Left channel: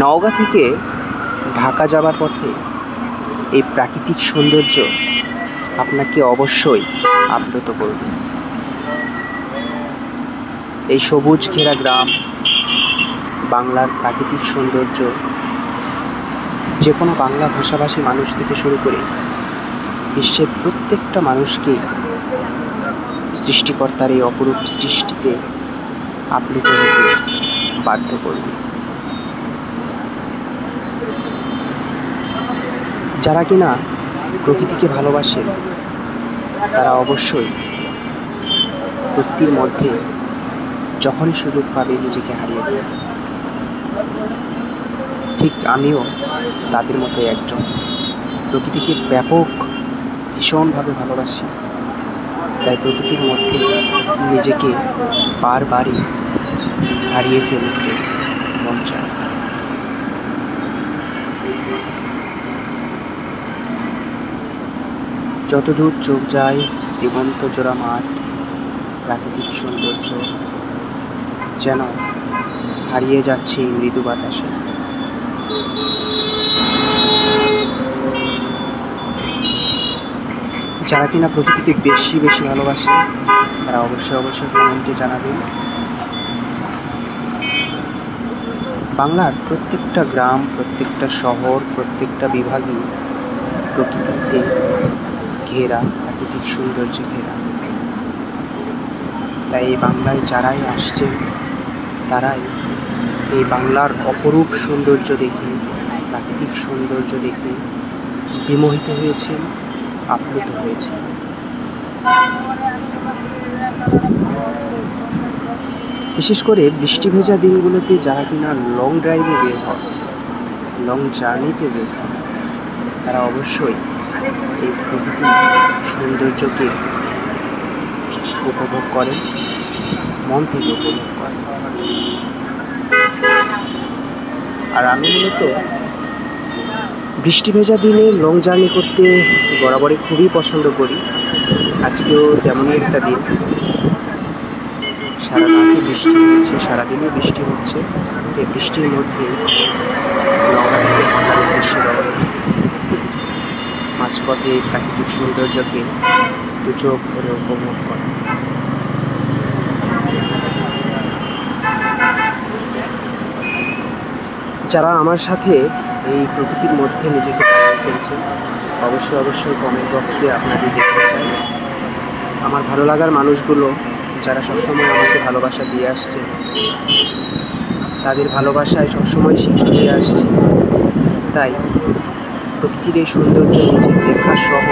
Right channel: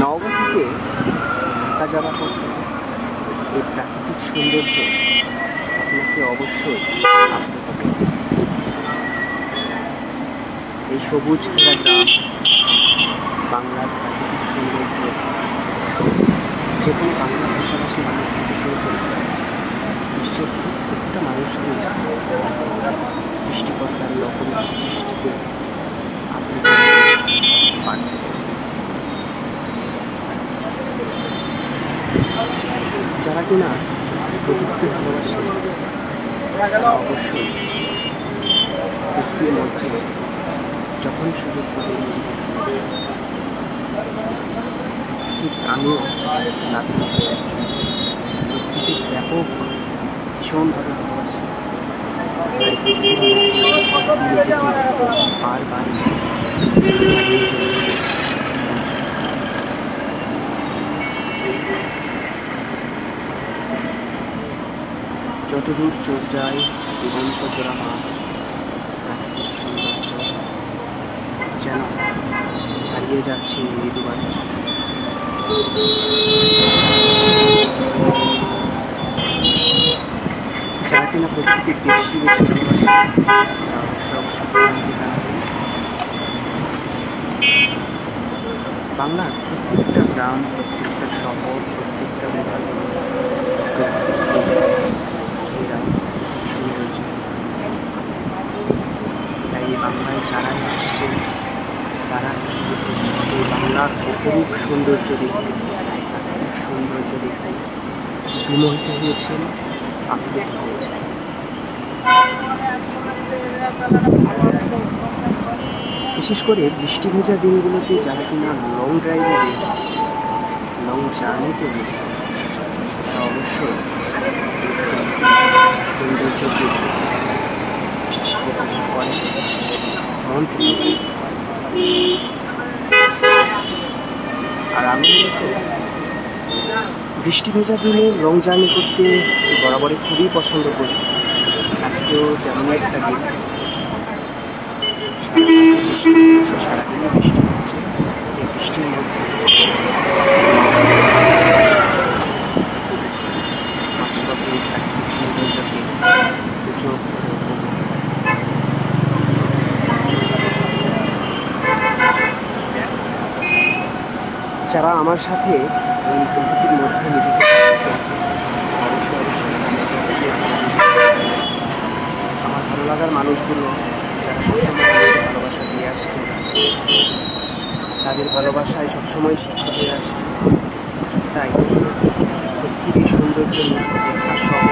নওগাঁ থেকে ঢাকা যাওয়ার পথে এই প্রাকৃতিক সৌন্দর্য আপনাকে অবশ্যই আপ্লুত করবে। এই সবুজ ঘেরা গ্রাম, বাংলার প্রাকৃতিক সৌন্দর্য যে কোনো বাংলা ভাষাভাষী মানুষ থেকে শুরু করে বিশ্বের প্রত্যেকটা মানুষকে সৃষ্টিকর্তার এই অপরূপ সৃষ্টিতে আপ্লুত হতে বাধ্য করবে। যারা কিনা প্রকৃতিকে ভালোবাসে তারা অবশ্যই প্রকৃতির মধ্যে যখনই সুযোগ পাবে নিজেকে হারিয়ে দেবে। ঠিক আমিও তাদের মতো একজন, প্রকৃতিকে ভীষণভাবে ভালোবাসি। তাই প্রকৃতির মধ্যে নিজেকে বারবারই হারিয়ে ফেলতে মন চায়। যতদূর চোখ যায় দিগন্ত জোড়া মাঠ, প্রাকৃতিক সৌন্দর্য যেন হারিয়ে যাচ্ছে এই মৃদু বাতাসে। যারা কিনা প্রকৃতিকে বেশি ভালোবাসে তারা অবশ্যই কমেন্টে জানাবেন। বাংলার প্রত্যেকটা গ্রাম, প্রত্যেকটা শহর, প্রত্যেকটা বিভাগে প্রকৃতিতে ঘেরা, প্রাকৃতিক সৌন্দর্য ঘেরা। তাই এই বাংলায় যারাই আসছেন তারাই এই বাংলার অপরূপ সৌন্দর্য দেখে, প্রাকৃতিক সৌন্দর্য দেখে বিমোহিত হয়েছেন, আপ্লুত হয়েছেন। বিশেষ করে বৃষ্টি ভেজা দিনগুলোতে যারা কিনা লং ড্রাইভে বের হয়, লং জার্নিতে বের হয়, তারা অবশ্যই এই প্রকৃতির সৌন্দর্যকে উপভোগ করেন, মন থেকে উপভোগ করেন। আর আমি মূলত বৃষ্টি ভেজা দিনে লং জার্নি করতে বরাবরই খুবই পছন্দ করি। আজকেও তেমনই একটা দিন, সারা রাতে বৃষ্টি হচ্ছে, সারাদিনই বৃষ্টি হচ্ছে। এই বৃষ্টির মধ্যে মাঝপথে এই প্রাকৃতিক সৌন্দর্যকে চোখ ধরে উপভোগ করে। যারা আমার সাথে এই প্রকৃতির মধ্যে নিজেকে করেছে অবশ্যই কমেন্ট বক্সে আপনাদের দেখতে চাই। আমার ভালো লাগার মানুষগুলো যারা সবসময় আমাকে ভালোবাসা দিয়ে আসছে, তাদের ভালোবাসায় সবসময় শিক্ষা হয়ে আসছে। তাই প্রকৃতির এই সৌন্দর্য নিজের দেখা সহ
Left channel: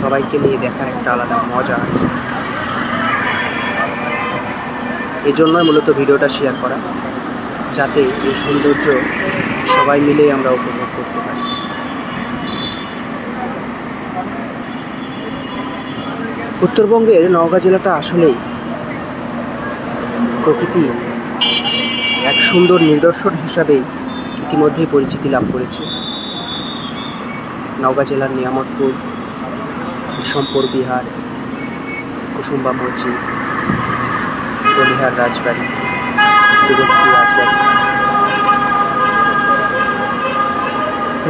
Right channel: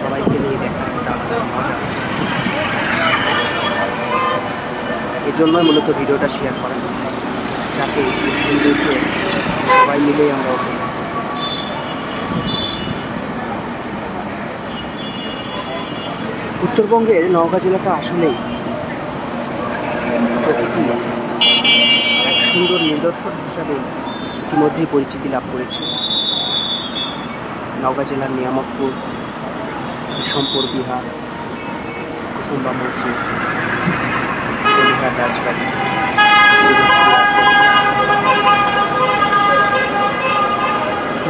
সবাইকে নিয়ে দেখার একটা আলাদা মজা আছে। এই জন্যই মূলত ভিডিওটা শেয়ার করা, যাতে এই সৌন্দর্য সবাই মিলেই আমরা উপভোগ করতে পারি। উত্তরবঙ্গের নওগাঁ জেলাটা আসলেই প্রকৃতি এক সুন্দর নিদর্শন হিসাবে ইতিমধ্যেই পরিচিতি লাভ করেছে। নওগাঁ জেলার নিয়ামতপুর, বিষমপুর বিহার, কুসুম্বা মসজিদ, বলিহার রাজবাড়ি,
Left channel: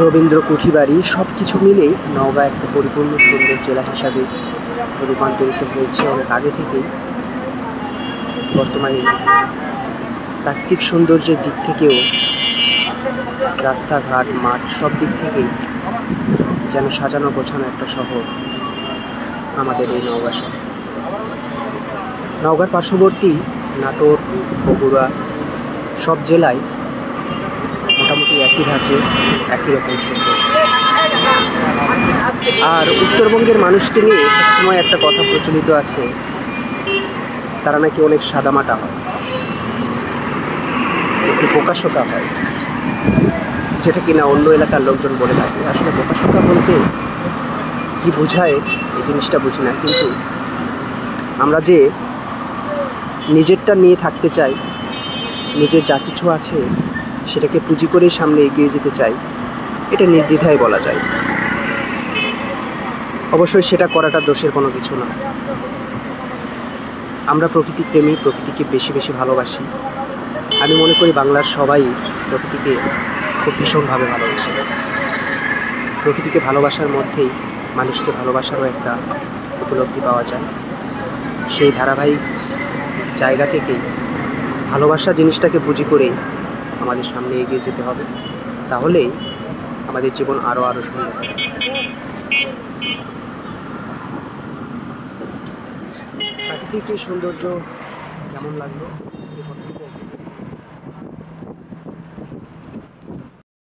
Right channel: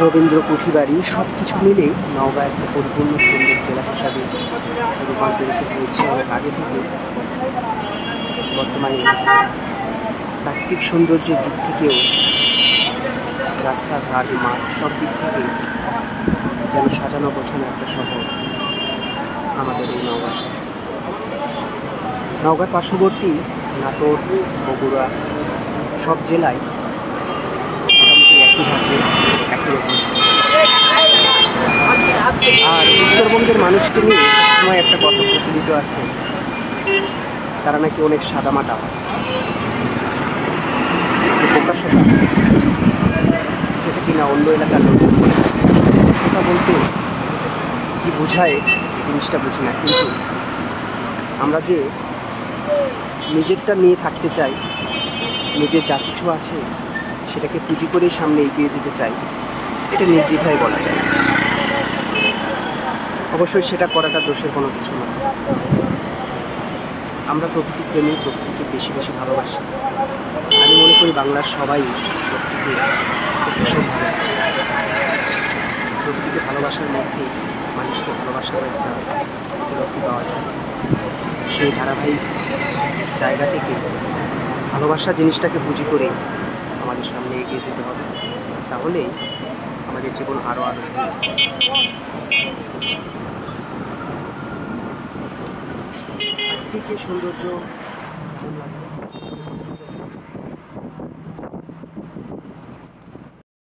রবীন্দ্র কুঠিবাড়ি সব কিছু মিলে নওগাঁ একটা পরিপূর্ণ সুন্দর জেলা হিসাবে রূপান্তরিত হয়েছে অনেক আগে থেকে। বর্তমানে প্রাকৃতিক সৌন্দর্যের দিক থেকেও, রাস্তাঘাট, মাঠ সব দিক থেকে যেন সাজানো গোছানো একটা শহর আমাদের এই নওগাঁ শহর। নওগাঁর পার্শ্ববর্তী নাটোর, বগুড়া সব জেলায় মোটামুটি একই ধাঁচে একই রকম সুন্দর। আর উত্তরবঙ্গের মানুষকে নিয়ে সবসময় একটা কথা প্রচলিত আছে, তারা নাকি অনেক সাদামাটা হয়, একটু প্রকাশ্যতা হয়, যেটা কিনা অন্য এলাকার লোকজন বলে থাকে। আসলে প্রকাশ্যতা বলতে কি বোঝায় এই জিনিসটা বুঝি না, কিন্তু আমরা যে নিজেরটা নিয়ে থাকতে চাই, নিজের যা কিছু আছে সেটাকে পুঁজি করেই সামনে এগিয়ে যেতে চাই, এটা নির্দ্বিধায় বলা যায়। অবশ্যই সেটা করাটা দোষের কোনো কিছু না। আমরা প্রকৃতি প্রেমী, প্রকৃতিকে বেশি ভালোবাসি। আমি মনে করি বাংলার সবাই প্রকৃতিকে প্রকৃতিকে ভীষণভাবে ভালোবাসি। প্রকৃতিকে ভালোবাসার মধ্যেই মানুষকে ভালোবাসারও একটা উপলব্ধি পাওয়া যায়। সেই ধারাবাহিক জায়গা থেকে ভালোবাসা জিনিসটাকে পুঁজি করে আমাদের সামনে এগিয়ে যেতে হবে, তাহলেই আমাদের জীবন আরও সুন্দর হবে। প্রাকৃতিক সৌন্দর্য কেমন লাগলো?